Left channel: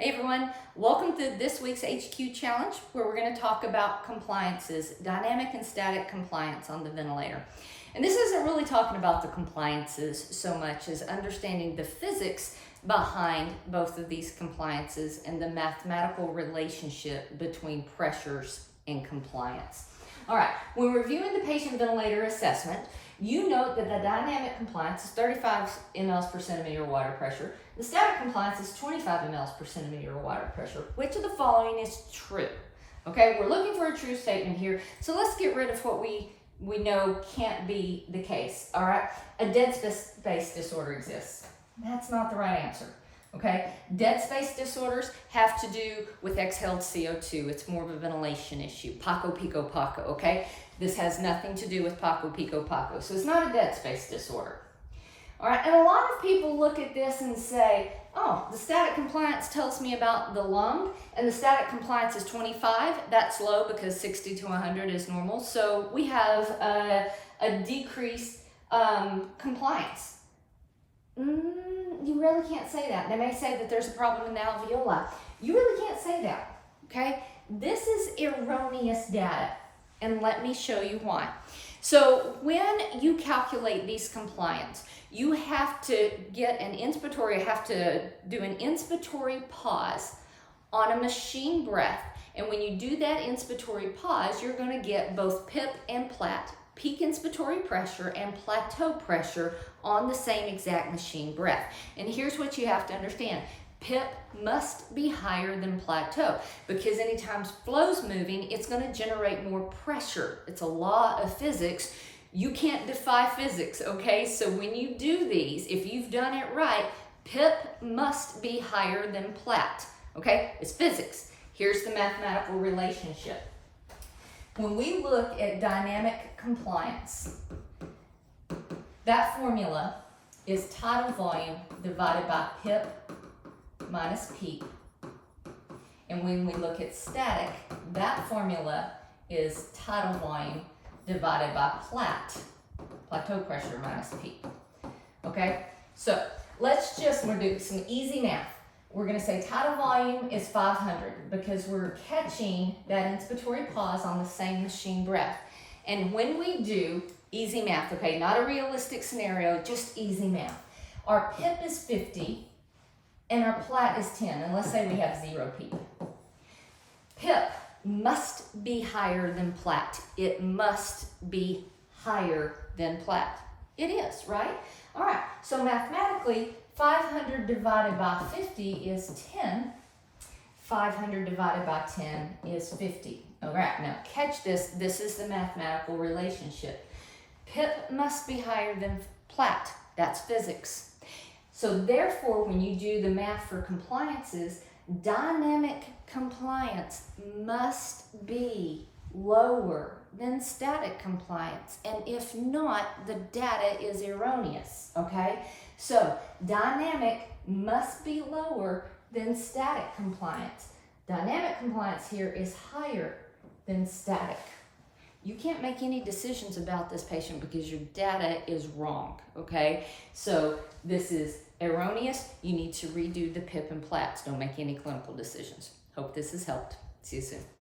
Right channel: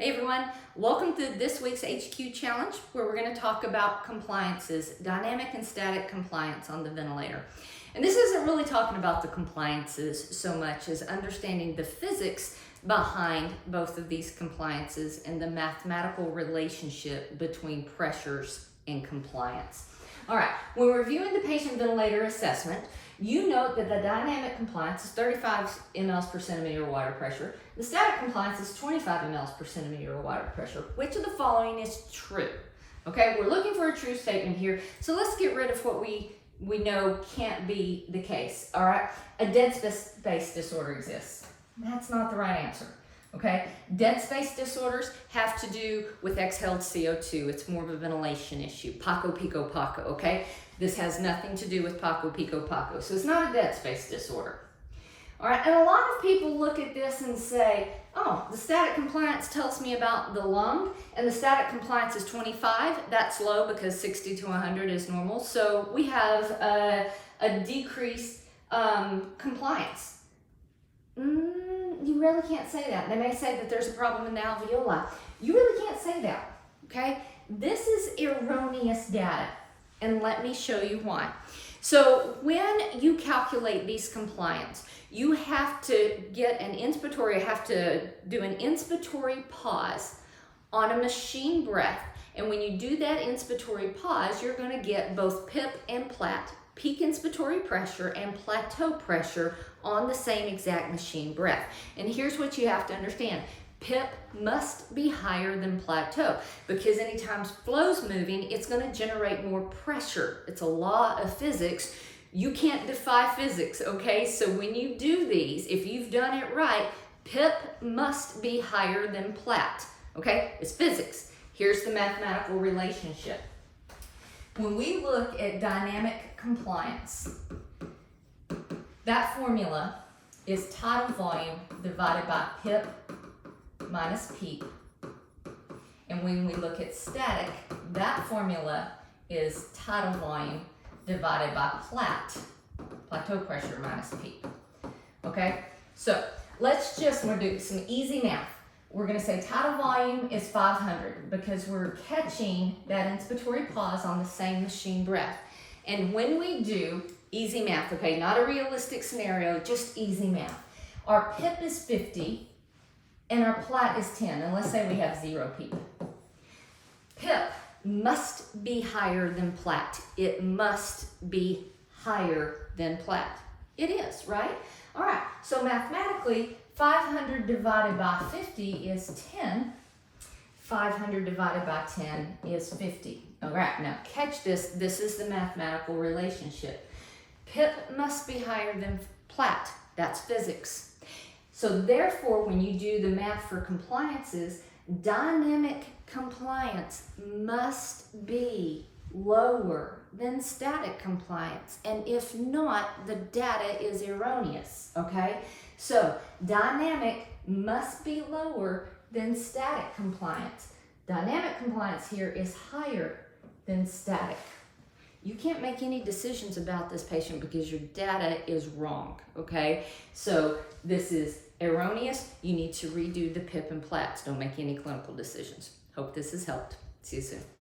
Hey everyone, welcome to this week's HQ Challenge where we're going to talk about compliances, dynamic and static compliance on the ventilator. And this isn't really talking about the compliances so much as understanding the physics behind both of these compliances and the mathematical relationship between pressures and compliance. All right, when reviewing the patient ventilator assessment, you note that the dynamic compliance is 35 mLs per centimeter water pressure. The static compliance is 25 mLs per centimeter water pressure. Which of the following is true? Okay, we're looking for a true statement here. So let's get rid of what we know can't be the case. All right, a dead space disorder exists. That's not the right answer. Okay, dead space disorders have to do with exhaled CO2. It's more of a ventilation issue. Paco, pico, paco, okay? This has nothing to do with Paco, pico, paco. So it's not a dead space disorder. All right, and a lot of people look at this and say, oh, the static compliance tells me about the lung, and the static compliance is 25. That's low because 60 to 100 is normal. So we have a decreased compliance. You really can't say that. They may say that there's a problem in the alveoli. You really can't say that, okay? This is erroneous data, and let me show you why. So when you calculate these compliance, you have to get an inspiratory, you have to do an inspiratory pause on a machine breath. And when you do that inspiratory pause, you're going to get both PIP and PLAT, peak inspiratory pressure and plateau pressure on the same exact machine breath. And here's what you have to understand. PIP must be higher than plateau because anytime flow's moving, it's going to generate more pressure. It's a law of physics. You can't defy physics, okay? So when you do these, if you've done it right, PIP must be higher than PLAT, okay? It's physics. Here's the mathematical relationship. When we look at dynamic compliance, that formula is tidal volume divided by PIP minus peak. And when we look at static, that formula is tidal volume divided by plateau pressure minus peak. Okay, so we'll do some easy math. We're going to say tidal volume is 500 because we're catching that inspiratory pause on the same machine breath. And when we do easy math, okay, not a realistic scenario, just easy math. Our PIP is 50 and our PLAT is 10. And let's say we have 0 PIP. PIP must be higher than PLAT. It must be higher than PLAT. It is, right? All right, so mathematically, 500 divided by 50 is 10. 500 divided by 10 is 50. All right, now catch this. This is the mathematical relationship. PIP must be higher than PLAT. That's physics. So therefore, when you do the math for compliances, dynamic compliance must be lower than static compliance. And if not, the data is erroneous, okay? So dynamic must be lower than static compliance. Dynamic compliance here is higher than static. You can't make any decisions about this patient because your data is wrong, okay? So this is erroneous. You need to redo the PIP and PLATs. Don't make any clinical decisions. Hope this has helped. See you soon.